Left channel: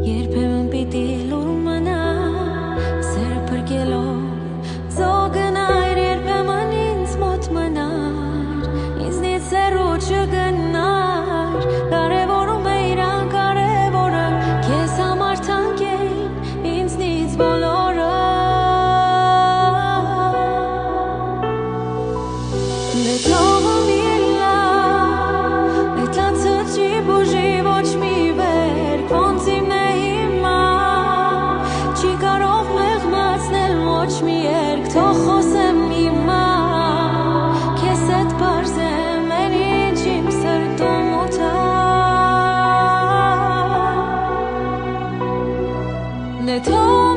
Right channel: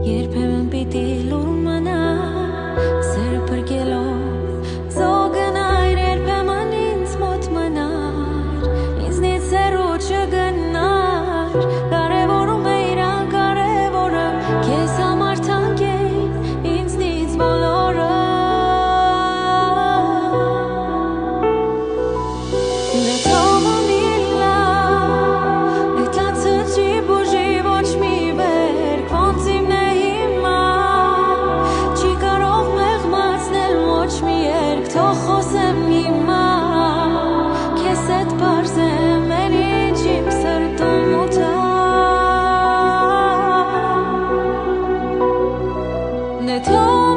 Երբեմն պիտի լուր մնա սերը փրկելով Զոգնայր երբեմն ինձ մոտ մնար Ինձնից հեռու չգնար Կարևորում է իրան կարևորը Քեզ համար թանկ էին ինձնից բոլորը Դե թողում իլա Այդ լացը չի բուժի ոչ մի վերք Ոնց իմն է հիմա Չի կարող մեղմացնել ոչ մի երկ Թող խոսեմ հիմա Քեզ հետ պարզեմ Են ինչ իմ սրտում ուտա Դե թող